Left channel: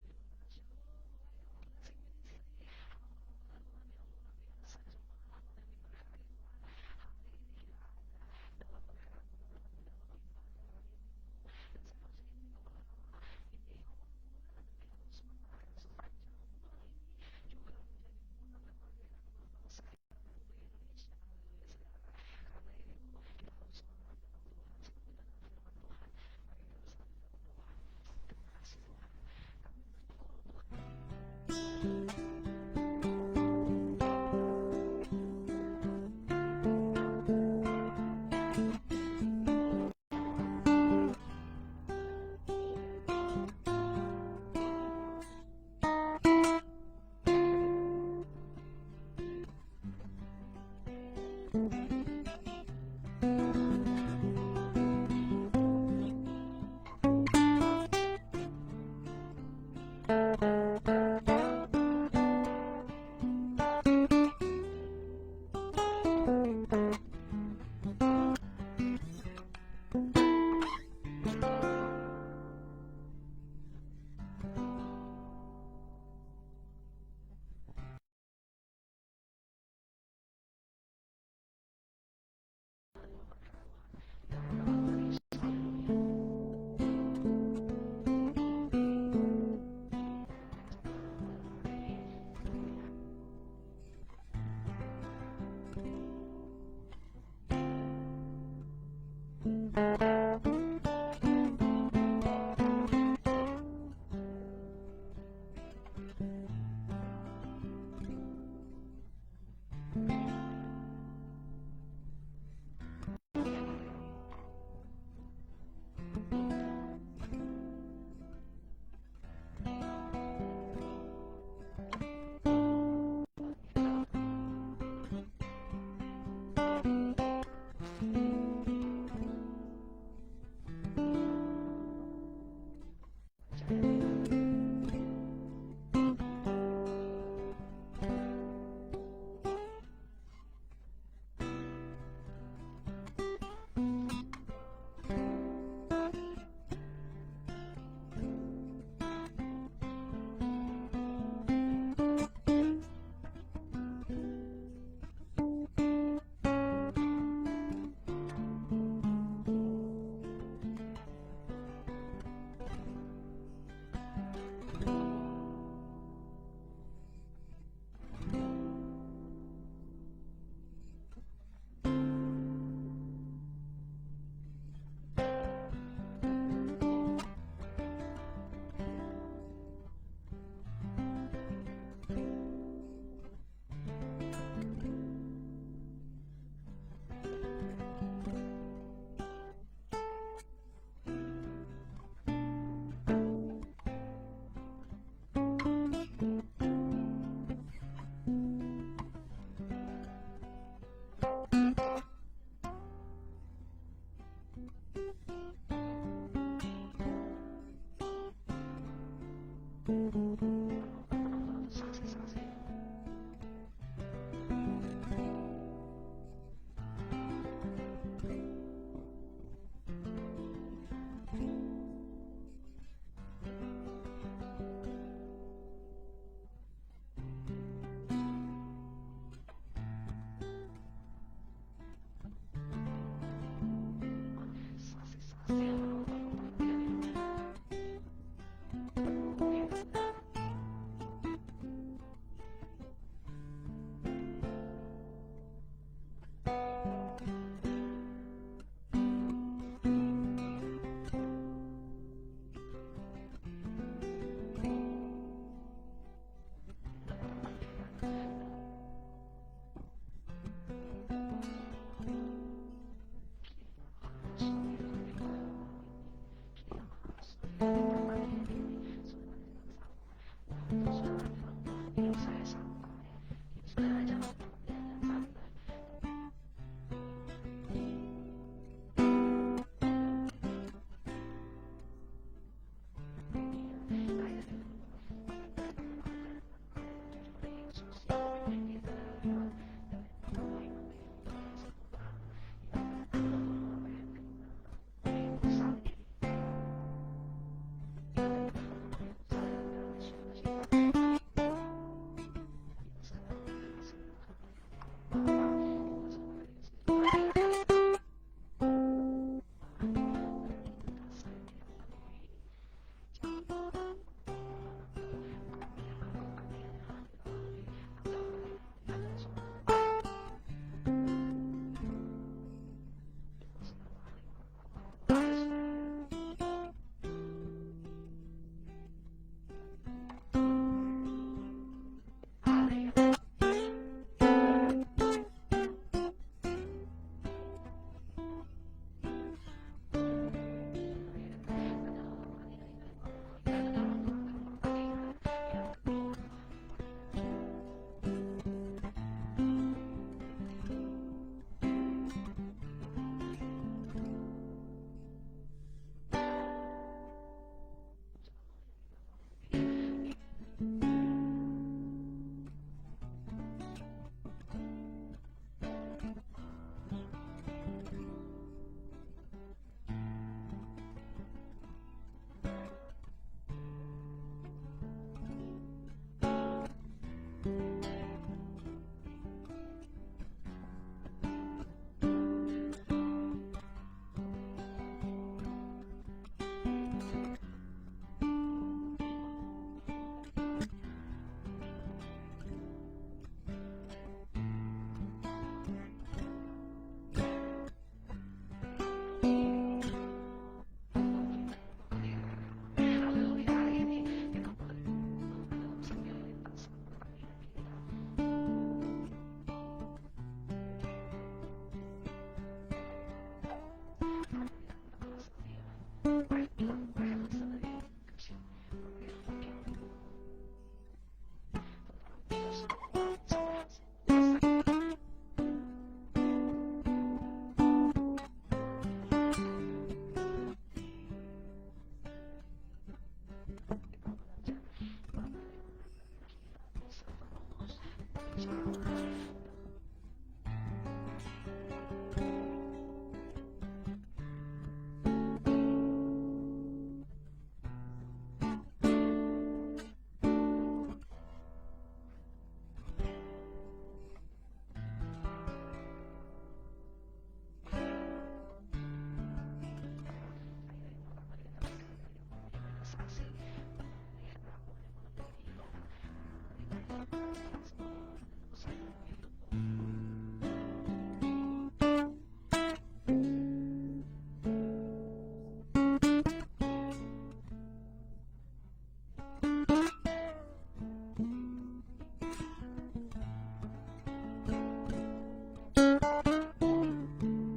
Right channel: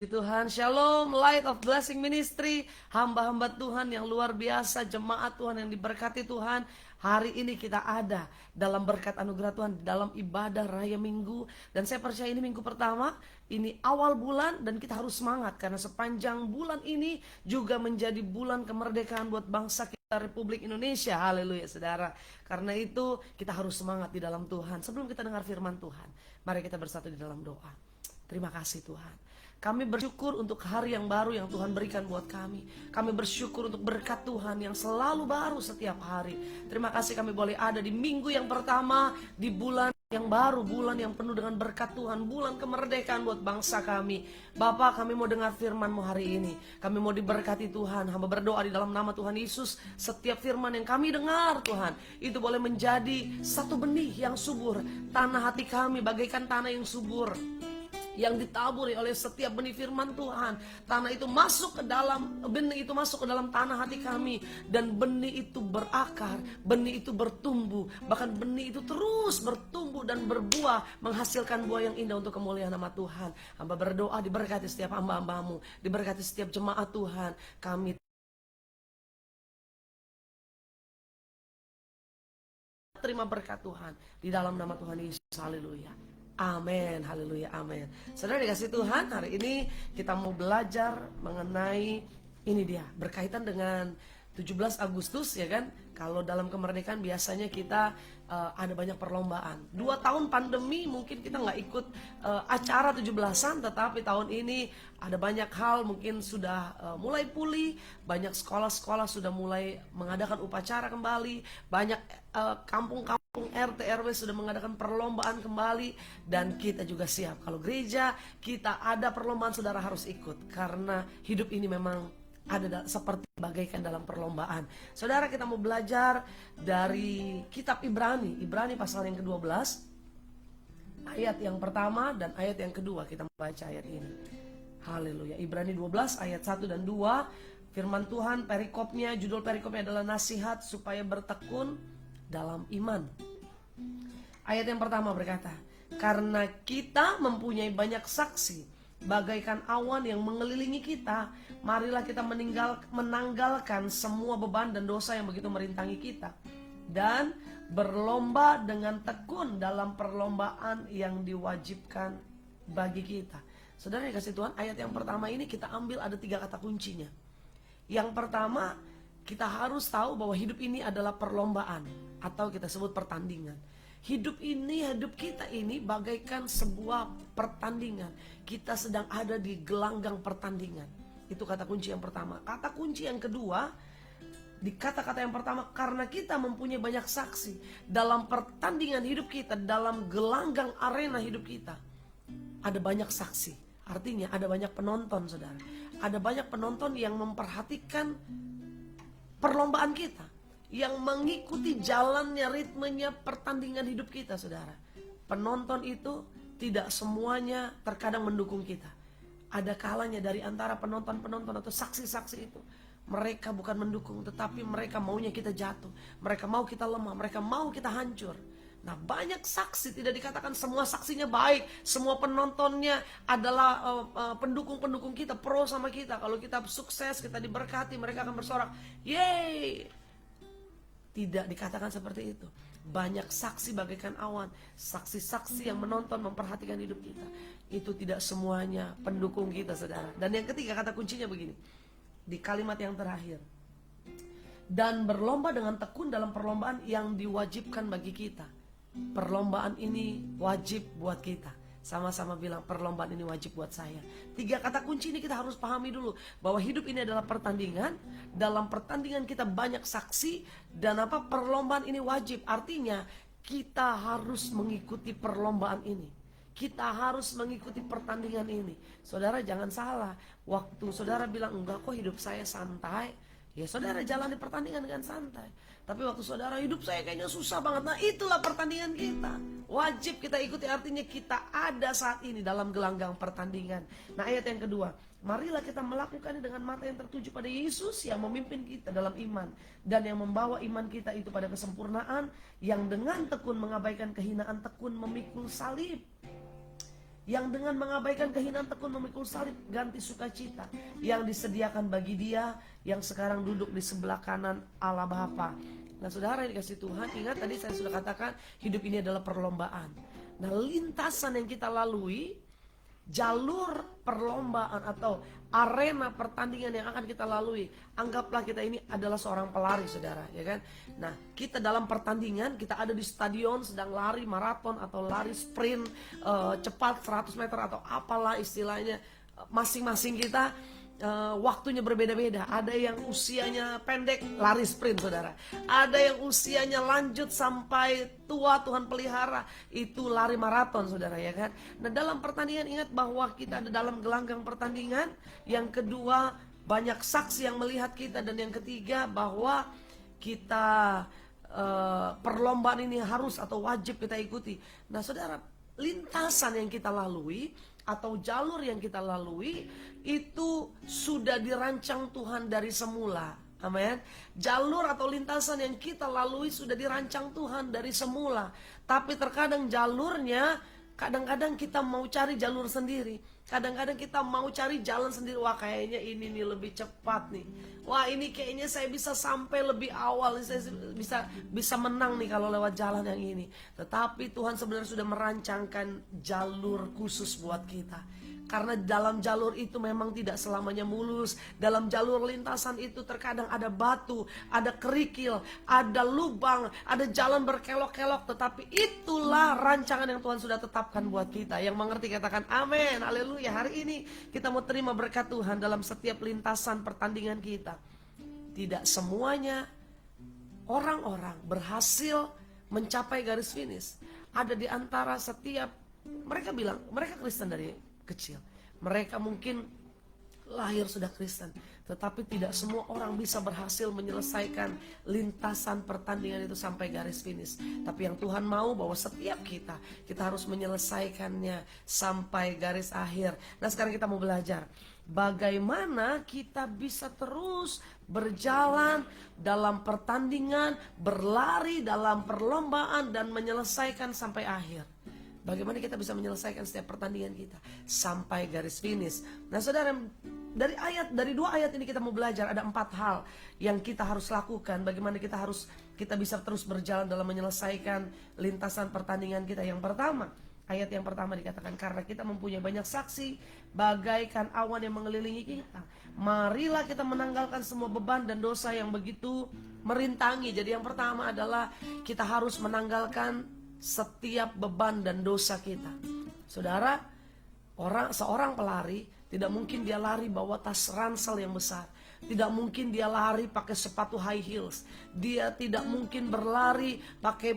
Tuhan, Shalom, Light of Blessing Ministry, hamba-hamba Tuhan yang luar biasa, jemaat Tuhan yang diberkati Tuhan. Hari ini kita ada dalam berkat anugerah Tuhan, dalam ibadah raya minggu. Dan saya percaya ini minggu pertama, ini awal bulan dan kita harus semangat. Karena sepanjang bulan ini juga menjadi bulan kemerdekaan buat bangsa kita Republik Indonesia. Haleluya saudara. Karena itu kita harus semangat di dalam Tuhan. Sebelum kita dengar firman Tuhan, mari kita bersatu di dalam doa. Terima kasih Tuhan. Kami bersyukur untuk hari yang baru yang Tuhan berikan buat kami. Kami bersyukur untuk berkat Tuhan yang selalu baru setiap hari. Terima kasih kami boleh ada di minggu yang pertama, di bulan yang baru, bulan yang penuh dengan berkat Tuhan, bulan kemerdekaan buat bangsa kami. Bapa, kami mau dengar firman-Mu hari ini. Kami mau diberkati Tuhan. Hamba berdoa di dalam nama Tuhan Yesus, setiap firman yang kami dengar Tuhan, itu boleh menjadi satu benih yang subur. Tanah hati kami bagaikan tanah yang subur, yang ditaburi oleh setiap benih firman Tuhan. Tanah itu masuk ke dalam, benih itu masuk ke dalam tanah hati kami. Dan benih itu berakar, benih itu bertumbuh. Bahkan benih itu terus bertumbuh dan berbuah, menghasilkan buah yang indah untuk kemuliaan nama Tuhan. Hamba berdoa diberkati setiap hamba-hambamu, diberkati setiap jemaat Tuhan. Kami terima berkat Tuhan di dalam nama Tuhan Yesus. Haleluya. Amin. Haleluya. Amin. Saudara dikasih Tuhan, hari ini kita mau belajar mengenai ini dia, berkaitan dengan 17 Agustus ya kan. Kalau dalam kemerdekaan biasanya kita ada banyak perlombaan. 2 tahun pandemi mungkin kita nggak ikut acara 17-an, tetapi tahun ini ada banyak hal mungkin sudah mulai pulih. Banyak sekolah-sekolah sudah mulai mengadakan upacara kembali. Banyak kampung-kampung RT RW sudah mengadakan perlombaan kembali. Dan kita juga siap. Kalau gereja kita ada perlombaan, saudara harus ikut. Karena hidup ini memang ada seperti bagaikan dalam perlombaan. Saudara, kita mau belajar dari kitab Ibrani pasal yang ke-12, ayat yang pertama dan ayat yang kedua. Kita mau baca ayat ini. Haleluya. Ibrani 12 ayat 1 dan 2. Firman Tuhan, perikopnya, judul perikopnya adalah nasihat supaya bertekun dalam iman. Ayat yang pertama berkata, karena kita mempunyai banyak saksi bagaikan awan yang mengelilingi kita, marilah kita menanggalkan semua beban dan dosa yang begitu merintangi kita, dan berlomba dengan tekun dalam perlombaan yang diwajibkan bagi kita. Saudara yang kasih Tuhan, ayat yang pertama ini kita ambil ada 3 kata kuncinya. Yang pertama, kita harus tahu bahwa hidup ini adalah perlombaan, atau kita sebut pertandingan. Hidup kita ini bagaikan sebuah pertandingan. Kita sedang ada di gelanggang pertandingan. Itu kata kunci yang pertama. Kata kunci yang kedua, di kata-kata yang pertama, karena kita mempunyai banyak saksi dalam pertandingan hidup kita, dalam gelanggang arena hidup kita, ada banyak saksi. Artinya ada banyak penonton, saudara. Ada banyak penonton yang memperhatikan perlombaan kita, yang mengikuti jalannya, ritmenya pertandingan hidup kita, saudara. Penonton itu tidak semuanya terkadang mendukung kita. Ada kalanya dari antara penonton-penonton atau saksi-saksi itu, mereka bukan mendukung, tetapi mereka maunya kita jatuh. Mereka mau kita lemah, mereka mau kita hancur. Nah, banyak saksi, tidak dikatakan semua saksinya baik, semua penontonnya adalah pendukung-pendukung kita, pro sama kita. Kalau kita sukses, kita diberkati, mereka akan bersorak, yeay. Tidak dikatakan seperti itu. Banyak saksi bagaikan awan, saksi-saksi yang menonton, memperhatikan hidup kita. Itu tidak semuanya pendukung kita, saudara. Dan yang ketiga, kata kuncinya begini, di kalimat yang terakhir, dan berlomba dengan tekun dalam perlombaan yang diwajibkan bagi kita. Perlombaan ini wajib buat kita. Sama-sama bilang, perlombaan ini wajib buat saya. 3 kata kunci ini kita harus pahami dulu, bahwa hidup ini adalah pertandingan. Dalam pertandingan kita banyak saksi, dan perlombaan ini wajib. Artinya kita harus mengikuti perlombaan ini. Kita harus mengikuti pertandingan ini. Saudara jangan salah, waktu saudara bilang, enggak kok hidup saya santai, ya saudara jalani pertandingan dengan santai. Tapi waktu saudara, hidup saya kayaknya susah banget, nah itulah pertandingan kita. Wajib kita ikuti, artinya kita ada saat ini dalam gelanggang pertandingan. Nah, ayat yang kedua, marilah kita melakukannya dengan mata yang tertuju pada Yesus yang memimpin kita dalam iman, dan yang membawa iman kita itu pada kesempurnaan, yang dengan tekun mengabaikan kehinaan, tekun memikul salib. yang dengan mengabaikan kehinaan tekun memikul salib ganti sukacita yang disediakan bagi dia yang sekarang duduk di sebelah kanan Allah Bapa. Nah saudara yang dikasih Tuhan, ingat tadi saya sudah katakan hidup ini adalah perlombaan. Nah lintasan yang kita lalui, jalur perlombaan atau arena pertandingan yang akan kita lalui, anggaplah kita ini adalah seorang pelari saudara, ya kan. Nah kita dalam pertandingan, kita ada di stadion sedang lari maraton atau lari sprint cepat 100 meter atau apalah istilahnya. Masing-masing kita waktunya berbeda-beda. Ada yang usianya pendek lari sprint saudara, ada yang usianya lanjut sampai tua Tuhan pelihara itu lari maraton saudara, ya kan. Nah dalam pertandingan ingat bahwa kita ada dalam gelanggang pertandingan. Yang kedua banyak saksi yang melihat kita. Dan yang ketiga bahwa kita perlombaan ini harus atau wajib kita ikuti. Nah saudara, lintasan yang kita lalui atau jalur yang kita lalui itu sudah dirancang Tuhan dari semula. Amin. Jalur atau lintasan yang kita lalui sudah dirancang Tuhan dari semula. Tapi terkadang jalurnya, kadang-kadang kita mau cari jalur sendiri. Kadang-kadang kita mau cari jalan sendiri. Wah kayaknya ini nih lebih cepat nih. Wah ini kayaknya saya bisa sampai lebih awal. Saya bisa menang nih kalau lewat jalan yang ini. Tetapi Tuhan sebenarnya sudah merancangkan jalur khusus buat kita. Karena dalam jalur itu memang tidak selamanya mulus. Dalam jalur lintasan itu terkadang ada batu, ada kerikil, ada lubang, ada jalan berkelok-kelok. Tetapi itulah rancangan yang Tuhan sudah tetapkan buat kita. Yang mengerti katakan amin, haleluya. Hari ini kita mau terima berkat Tuhan dalam setiap lintasan pertandingan kita. Tidak semuanya orang-orang berhasil mencapai garis finish. Ada di antara setiap, mereka bilang mereka Kristen dari kecil, mereka mungkin lahir sudah Kristen, tetapi tidak semua orang bisa berhasil menyelesaikan lintasan pertandingan itu sampai garis finish. Tapi yang Tuhan mau bahwa setiap kita harus menyelesaikannya sampai garis akhir. Nah sekarang kita mau belajar bagaimana kita bisa terus berjalan dalam pertandingan, berlari dalam perlombaan dan menyelesaikan sampai akhir. Bagaimana kita bisa menyelesaikan setiap pertandingan kita sampai garis finish. Nah saudara, dari dua ayat ini kita mau belajar ada 4 hal yang kita harus lakukan. Bagaimana kita bisa terus berjalan dalam menyelesaikan lintasan pertandingan kita. Yang pertama, ayat yang pertama dikatakan karena kita mempunyai banyak saksi bagaikan awan yang mengelilingi kita, marilah kita menanggalkan semua beban dan dosa yang begitu merintangi. Jadi yang pertama adalah kita harus menanggalkan setiap beban dan dosa kita. Saudara, seorang pelari tidak mungkin dia lari bawa tas ransel yang besar. Tidak mungkin dia lari pakai sepatu high heels. Dia tidak mungkin berlari pakai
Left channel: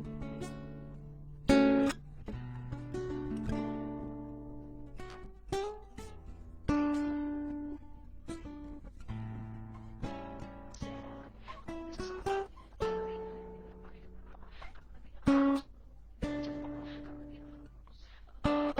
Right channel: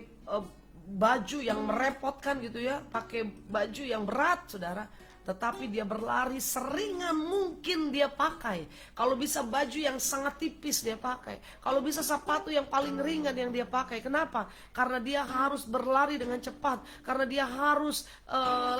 baju yang merepotkan gitu ya, pakai baju yang berat saudara. Tetapi dia berlari seringan mungkin dia pakai. Kalau bisa baju yang sangat tipis dia pakai. Kalau bisa sepatu yang paling ringan yang dia pakai. Kenapa? Karena dia harus berlari dengan cepat. Karena dia harus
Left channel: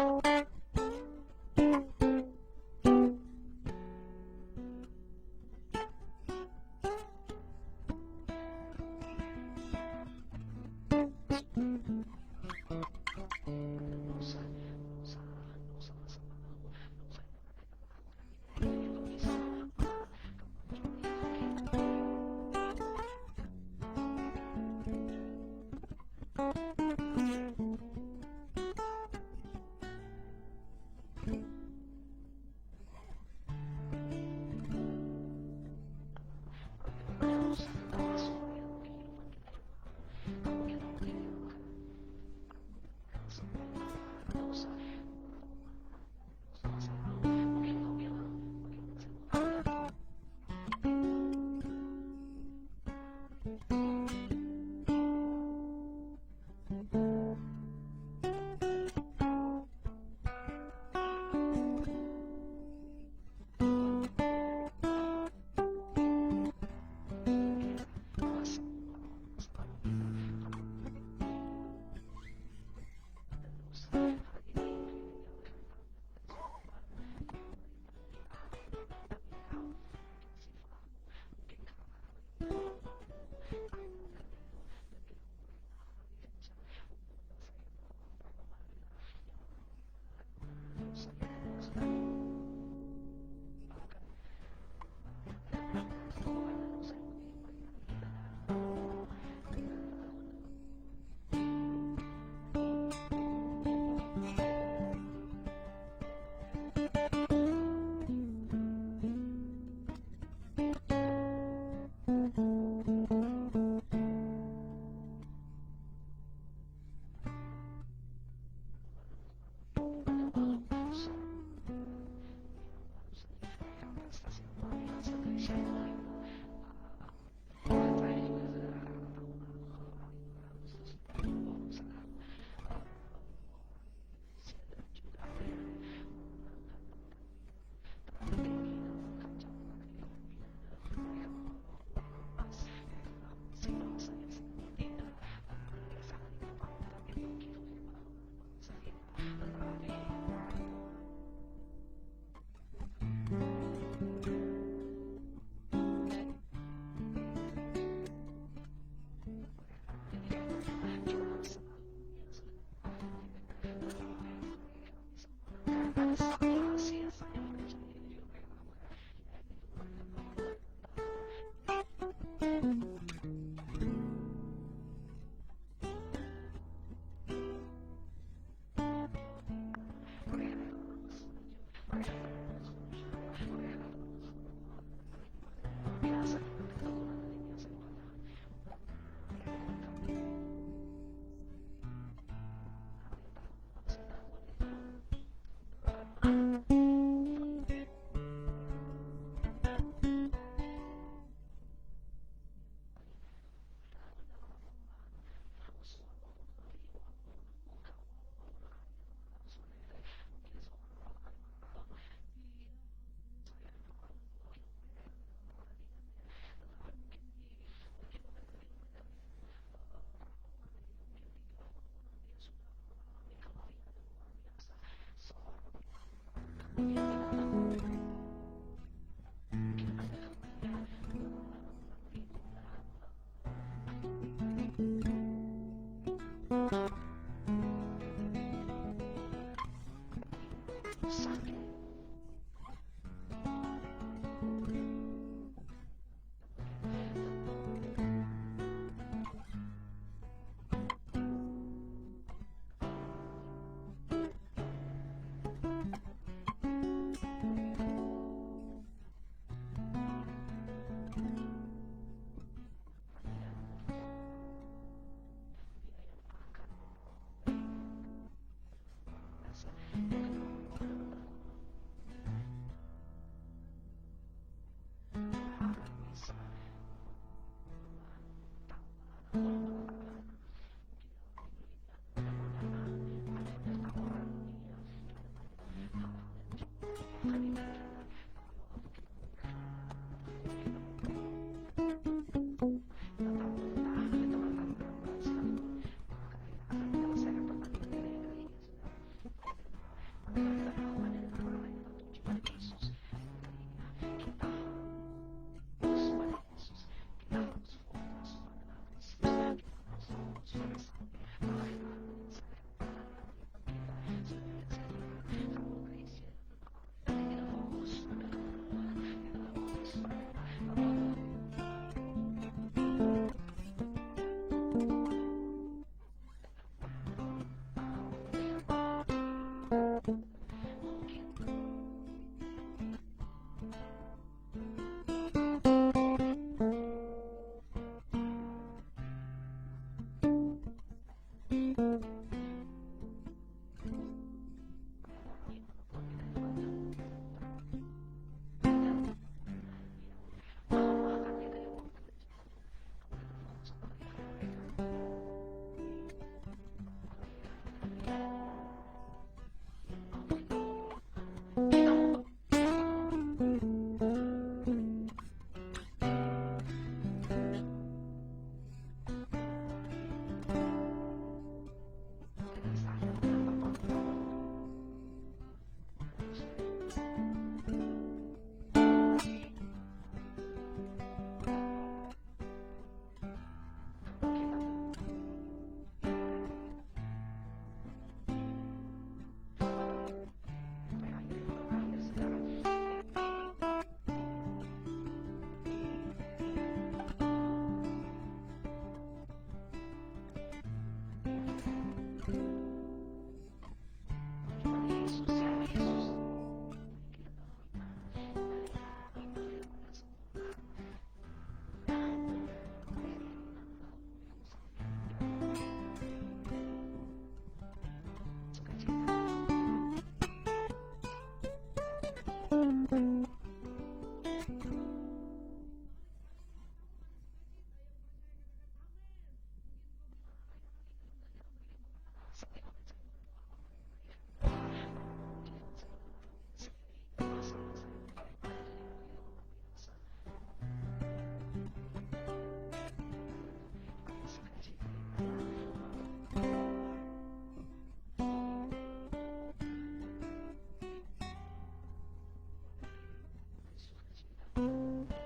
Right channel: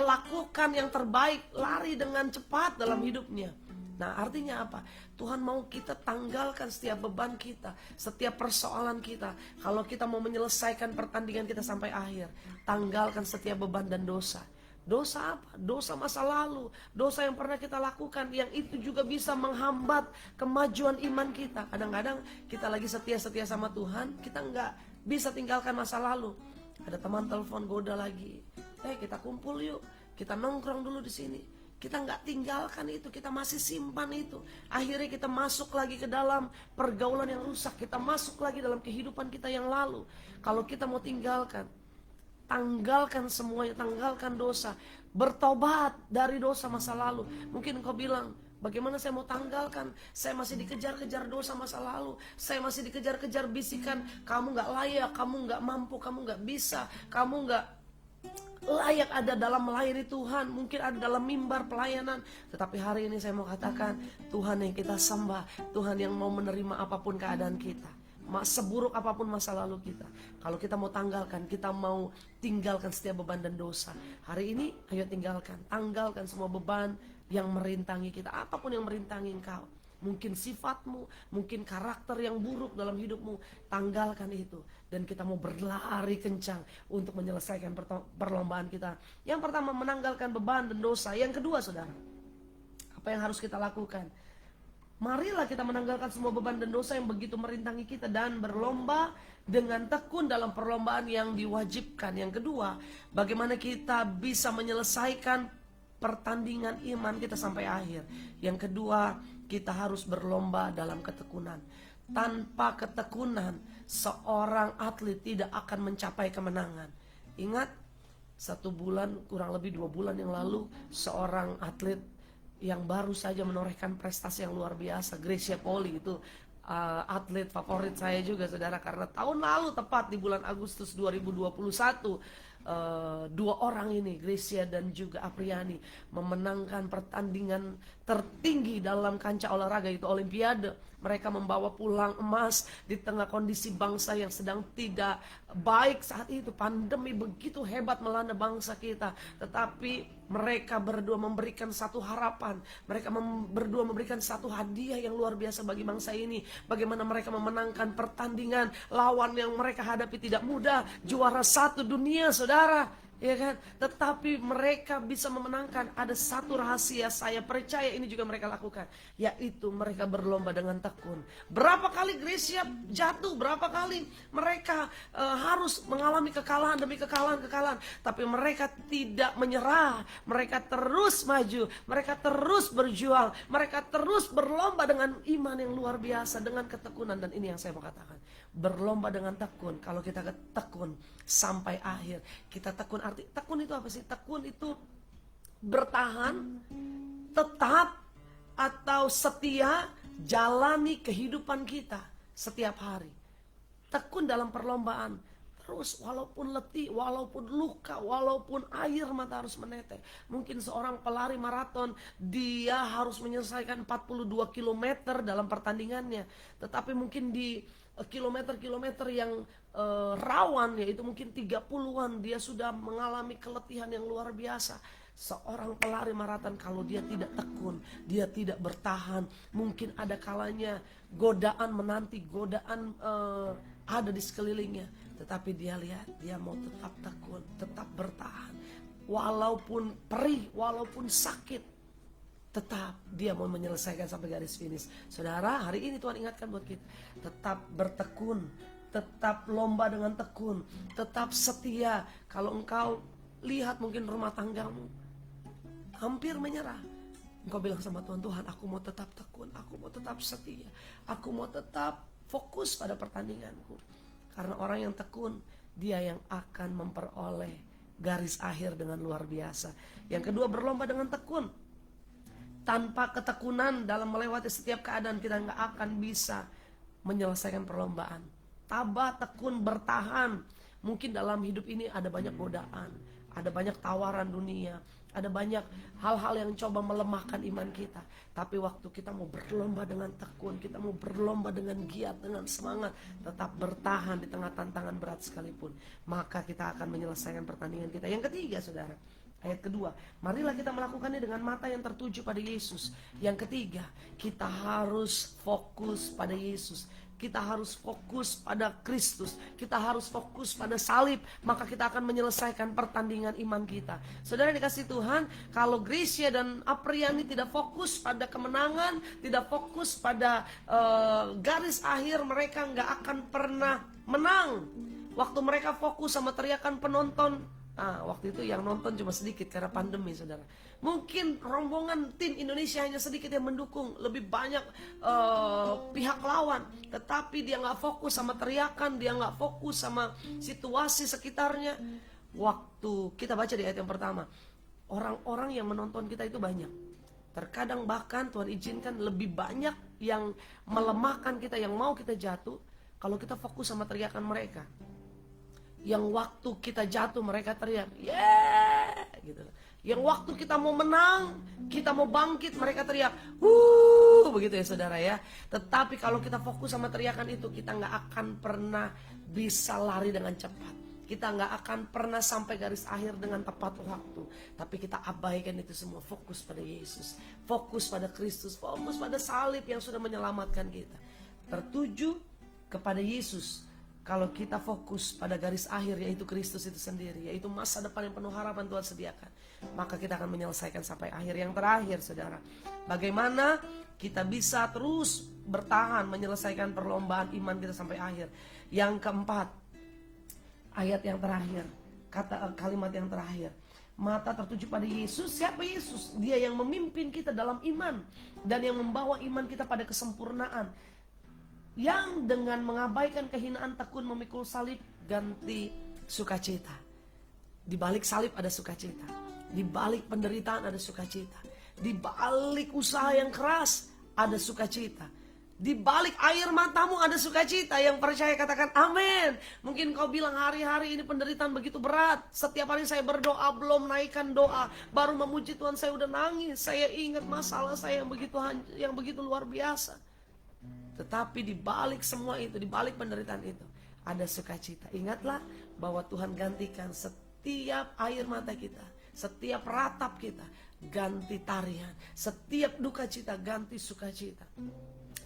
lakukan yang terbaik, lari dengan cepat dalam hidupnya. Nah artinya apa? Tuhan mau kita tanggalkan setiap beban kita, setiap persoalan kita. Kalau kita mau menyelesaikan pertandingan kita sampai akhir, tanggalkan setiap beban dan dosa. Dosa apa? Dosa masa lalu, dosa yang pernah kita lakukan, yang itu juga bisa menghambat kemajuan iman kita. Kadang-kadang kita lagi setia-setia sama Tuhan, kita nggak bisa tinggalkan masa lalu. Ada teman telepon goda lagi, kita kumpul yuk, kita nongkrong dulu di sini. Kita nggak tinggalkan itu, kita masih simpan itu. Akhirnya kita masuk lagi ke dalam pergaulan yang rusak, kita masuk lagi dalam kehidupan kita yang lalu. Kalau kita mau tinggalkan, tanggalkan semuanya, tanggalkan dosa, bertobat dari dosa masa lalu. Mungkin kau bilang, bagaimana saya mau tanggalkan? Saya masih dikejar-kejar dosa masa lalu. Saya masih dikejar-kejar bisikan, kamu gak layak, kamu gak mampu, kamu gak bisa, kamu gak layak ada dalam melayani Tuhan. Mungkin ada dalam mimbar pelayanan. Tetapi hari ini saya mau katakan, Tuhan yang kita sembah, Tuhan yang mau menerima apapun keadaan kita, seburuk apapun masa lalu kita. Kalau kita mau tanggalkan, kita mau tinggalkan setiap beban dan dosa, hari ini ayo tinggalkan, tanggalkan semua beban yang merintangi kita. Apapun yang merintangi engkau, mungkin sifatmu, mungkin karakter yang buruk dalam hidupmu. Tanggalkan itu, dan kita mau berlari kencang untuk menyelesaikan perlombaan kita. Yang pertama, menanggalkan beban dan dosa. Yang kedua, saudara, apa yang harus kita lakukan? Marilah kita menanggalkan semua beban dan dosa yang begitu merintangi kita dan berlomba dengan tekun dalam perlombaan yang diwajibkan. Yang kedua, bagaimana kita bisa menyelesaikan pertandingan iman kita sampai akhir. Yang kedua, kita harus berlomba dalam ketekunan. Tanpa ketekunan, seorang atlet tidak akan mencapai kemenangan. Ingat, 1 bulan, kurang lebih 2 bulan yang lalu, seorang atlet yang baru saja menorehkan prestasi yang luar biasa, Gracia Poli, itu atlet favorit saya juga, saudara, karena tahun lalu tepat di bulan Agustus 2021 dua orang ini, Gracia dan juga Apriani, memenangkan pertandingan tertinggi dalam kancah olahraga, itu Olimpiade. Mereka membawa pulang emas di tengah kondisi bangsa yang sedang tidak baik saat itu. Pandemi begitu hebat melanda bangsa kita, tetapi mereka berdua memberikan satu harapan. Mereka berdua memberikan satu hadiah yang luar biasa bagi bangsa ini. Bagaimana mereka memenangkan pertandingan, lawan yang mereka hadapi tidak mudah, juara 1 dunia, saudara, ya kan? Tetapi mereka bisa memenangkan. Ada satu rahasia, saya percaya ini juga mereka lakukan, yaitu mereka berlomba dengan tekun. Berapa kali Gracia jatuh, berapa kali mereka harus mengalami kekalahan demi kekalahan, tapi mereka tidak menyerah. Mereka terus maju, mereka terus berjuang, mereka terus berlomba dengan iman yang luar biasa, dengan ketekunan. Dan ini yang saya mau katakan, berlomba dengan tekun. Kalau kita tekun sampai akhir, kita tekun. Arti tekun itu apa sih? Tekun itu bertahan, tetap, atau setia jalani kehidupan kita setiap hari. Tekun dalam perlombaan, terus walaupun letih, walaupun luka, walaupun air mata harus menetes. Mungkin seorang pelari maraton, dia harus menyelesaikan 42 km dalam pertandingannya, tetapi mungkin di kilometer-kilometer yang rawan, yaitu mungkin 30-an, dia sudah mengalami keletihan yang luar biasa. Seorang pelari maraton, kalau dia tidak tekun, dia tidak bertahan, mungkin ada kalanya godaan menanti, godaan ada di sekelilingnya, tetapi dia lihat, dia mau tetap tekun, tetap bertahan, walaupun perih, walaupun sakit, tetap dia mau menyelesaikan sampai garis finish. Saudara, hari ini Tuhan ingatkan buat kita, tetap bertekun, tetap lomba dengan tekun, tetap setia. Kalau engkau lihat mungkin rumah tanggamu hampir menyerah, engkau bilang sama Tuhan, Tuhan, aku mau tetap tekun, aku mau tetap setia, aku mau tetap fokus pada pertandinganku. Karena orang yang tekun, dia yang akan memperoleh garis akhir dengan luar biasa. Yang kedua, berlomba dengan tekun. Tanpa ketekunan dalam melewati setiap keadaan, kita gak akan bisa menyelesaikan perlombaan. Tabah, tekun, bertahan. Mungkin dalam hidup ini ada banyak godaan, ada banyak tawaran dunia, ada banyak hal-hal yang coba melemahkan iman kita. Tapi waktu kita mau berlomba dengan tekun, kita mau berlomba dengan giat, dengan semangat, tetap bertahan di tengah tantangan berat sekalipun, maka kita akan menyelesaikan pertandingan kita. Yang ketiga, saudara, ayat kedua, marilah kita melakukannya dengan mata yang tertuju pada Yesus. Yang ketiga, kita harus fokus pada Yesus. Kita harus fokus pada Kristus, kita harus fokus pada salib, maka kita akan menyelesaikan pertandingan iman kita. Saudara dikasih Tuhan, kalau Gracia dan Apriani tidak fokus pada kemenangan, tidak fokus pada garis akhir, mereka gak akan pernah menang. Waktu mereka fokus sama teriakan penonton, nah waktu itu yang nonton cuma sedikit karena pandemi, saudara. Mungkin rombongan tim Indonesia hanya sedikit yang mendukung, lebih banyak pihak lawan. Tetapi dia gak fokus sama teriakan, dia gak fokus sama situasi sekitarnya. Waktu kita baca di ayat yang pertama, orang-orang yang menonton kita itu banyak. Terkadang bahkan Tuhan izinkan lebih banyak yang melemahkan kita, yang mau kita jatuh, kalau kita fokus sama teriakan mereka. Yang waktu kita jatuh mereka teriak, yeah, gitu. Yang waktu kita mau menang, kita mau bangkit, mereka teriak, begitu. begitu ya saudara ya. Tetapi kalau kita fokus sama teriakan itu, kita gak akan pernah bisa lari dengan cepat. Kita gak akan pernah sampai garis akhir dengan tepat waktu. Tapi kita abaikan itu semua, fokus pada Yesus, fokus pada Kristus, fokus pada salib yang sudah menyelamatkan kita, tertuju kepada Yesus. Kalau kita fokus pada garis akhir, yaitu Kristus itu sendiri, yaitu masa depan yang penuh harapan Tuhan sediakan, maka kita akan menyelesaikan sampai akhir. Yang terakhir saudara, bagaimana kita bisa terus bertahan menyelesaikan perlombaan iman kita sampai akhir. Yang keempat, ayat yang terakhir, kalimat yang terakhir, mata tertuju pada Yesus. Siapa Yesus? Dia yang memimpin kita dalam iman dan yang membawa iman kita pada kesempurnaan, yang dengan mengabaikan kehinaan tekun memikul salib ganti sukacita. Di balik salib ada sukacita, di balik penderitaan ada sukacita, di balik usaha yang keras ada sukacita, di balik air matamu ada sukacita. Yang percaya katakan amin. Mungkin kau bilang, hari-hari ini penderitaan begitu berat, setiap hari saya berdoa, belum naikkan doa, baru memuji Tuhan saya udah nangis. Saya ingat masalah saya yang begitu luar biasa. Tetapi di balik semua itu, di balik penderitaan itu, ada sukacita. Ingatlah bahwa Tuhan gantikan setiap air mata kita, setiap ratap kita ganti tarian, setiap duka cita ganti sukacita.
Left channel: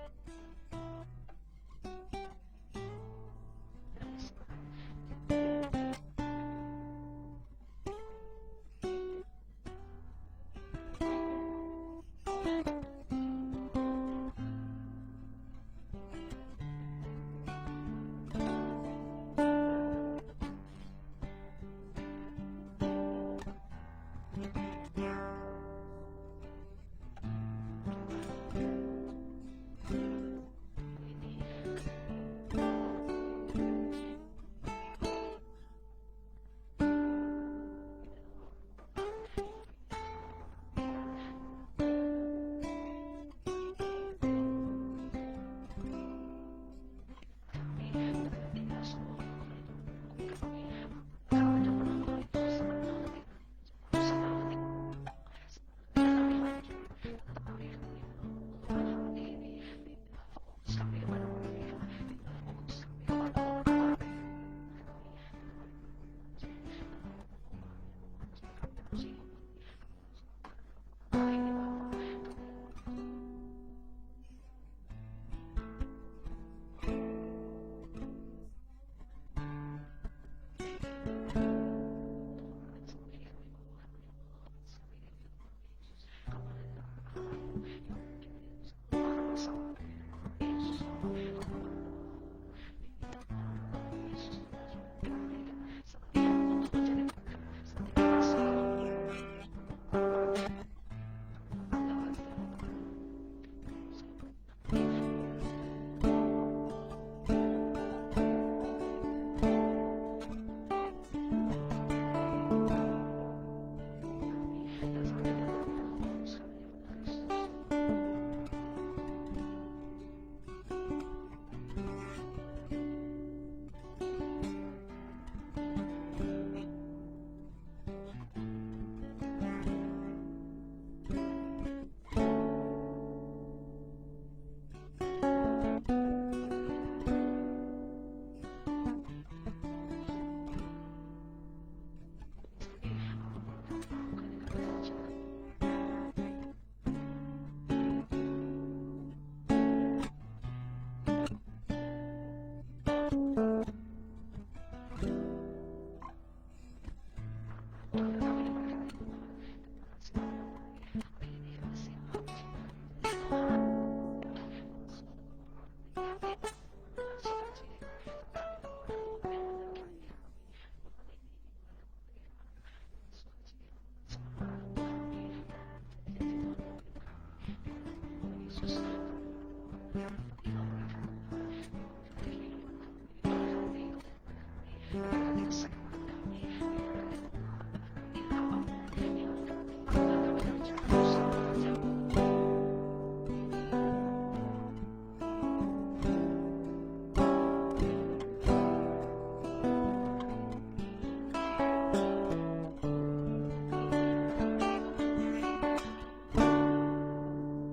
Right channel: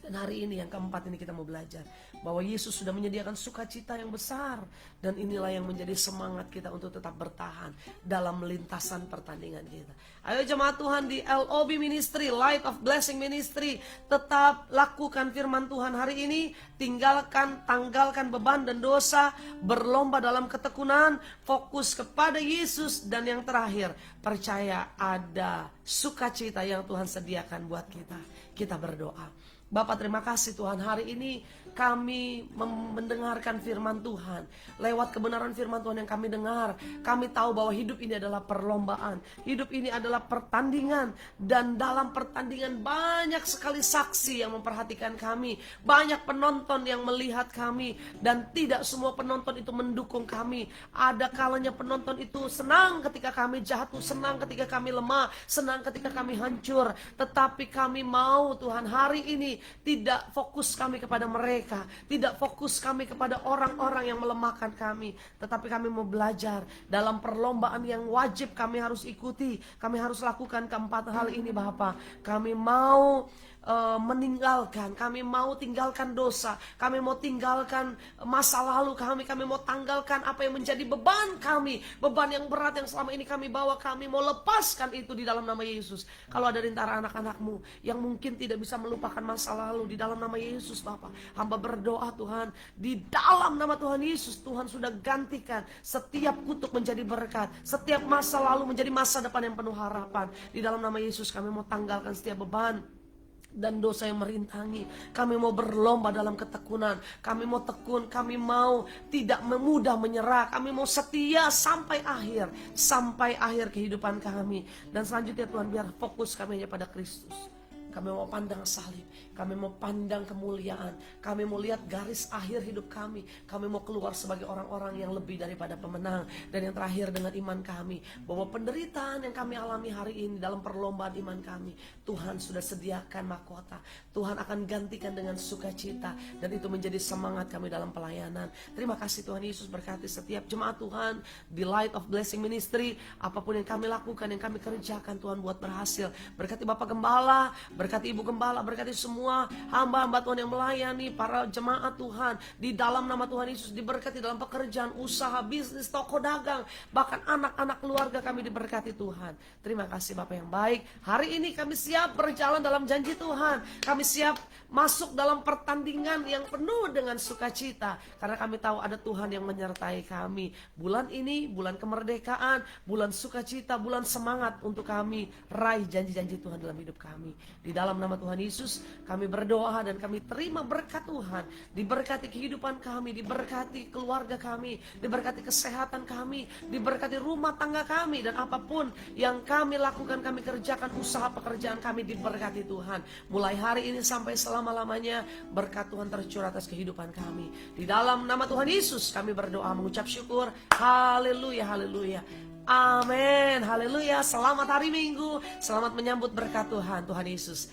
Dan hari ini yang keempat ini kita mau belajar bahwa Yesus sudah menyediakan sukacita yang besar, dan inilah yang menjadi semangat kita untuk tetap bertahan dalam lintasan pertandingan kita. Ayo jemaat Tuhan di LOB Ministry, Light of Blessing Ministry, tetap lakukan firman Tuhan hari ini. Tanggalkan beban dan dosa, berlomba dalam ketekunan, fokus kepada Yesus. Dan yang terakhir, percaya ada sukacita yang Tuhan sediakan buat kita. Kita berdoa. Bapak, terima kasih Tuhan, hari ini kami mendengarkan firman Tuhan. Lewat kebenaran firman Tuhan yang kami dengar, kami tahu bahwa hidup ini adalah perlombaan, hidup ini adalah pertandingan. Dan dalam pertandingan banyak sekali saksi yang memperhatikan kami, banyak penonton yang melihat kami, dan tidak semua penonton itu mendukung kami. Ada kalanya penonton itu senang ketika kami jatuh, senang ketika kami lemah, senang ketika kami hancur. Tetapi kami mau Tuhan hari ini tidak fokus kami kepada mereka, tidak fokus kami kepada orang-orang yang melemahkan kami, tetapi kami mau belajar dalam perlombaan yang wajib kami harus ikuti. Kami harus lakukan keempat hal ini Bapak. Kami mau kami mau tinggalkan dosa, kami mau tinggalkan masa lalu kami mau tanggalkan apa yang menjadi beban kami, beban yang berat yang selama ini kami bawa. Kami mau lepaskan itu di dalam nama Yesus. Kalau ada di antara anak-anakmu yang mungkin tidak bisa melupakan masa lalu, di dalam nama Yesus Bapak, hamba berdoa Tuhan, di dalam nama Tuhan Yesus, Tuhan sudah gantikan setiap kutuk menjadi berkat, setiap masa lalu menjadi masa depan yang penuh harapan. Di dalam nama Yesus kami mau tanggalkan setiap beban dan dosa yang merintangi. Kami mau berlomba dalam ketekunan, kami mau tekun, kami mau tidak memudah menyerah, kami mau setia sampai akhir kehidupan kami. Dan selanjutnya Tuhan, biar fokus kami hanya pada Kristus. Kami mau pandang salib, kami mau pandang kemuliaan, kami mau lihat garis akhir hidup kami mau keluar sebagai orang-orang yang lebih daripada pemenang. Dan yang terakhir, dengan iman kami, bahwa penderitaan yang kami alami hari ini dalam perlombaan iman kami, Tuhan sudah sediakan mahkota, Tuhan akan gantikan dengan sukacita, dan itu menjadi semangat kami dalam pelayanan. Terima kasih Tuhan Yesus, berkati setiap jemaat Tuhan di Light of Blessing Ministry. Apapun yang kami lakukan, yang kami kerjakan, Tuhan buat berhasil. Berkati Bapak Gembala, berkati Ibu Gembala, berkati semua hamba-hamba Tuhan yang melayani, para jemaat Tuhan, di dalam nama Tuhan Yesus. Diberkati dalam pekerjaan, usaha, bisnis, toko dagang, bahkan anak-anak keluarga kami diberkati Tuhan. Terima kasih Bapak yang baik. Hari ini kami siap berjalan dalam janji Tuhan. Kami siap masuk dalam pertandingan yang penuh dengan sukacita, karena kami tahu ada Tuhan yang menyertai kami. Bulan ini bulan kemerdekaan, bulan sukacita, bulan semangat untuk kami raih janji-janji Tuhan dalam hidup kami. Di dalam nama Tuhan Yesus kami berdoa dan kami terima berkat Tuhan. Diberkati kehidupan kami, diberkati keluarga kami, diberkati kesehatan kami, diberkati rumah tangga kami, dan apapun yang kami lakukan, kami kerjakan, usaha pekerjaan kami diberkati Tuhan. Mulai hari ini sampai selama-lamanya berkat Tuhan tercurah atas kehidupan kami. Di dalam nama Tuhan Yesus kami berdoa, mengucap syukur. Haleluya, haleluya. Amin, haleluya. Selamat hari Minggu, selamat menyambut berkat Tuhan. Tuhan Yesus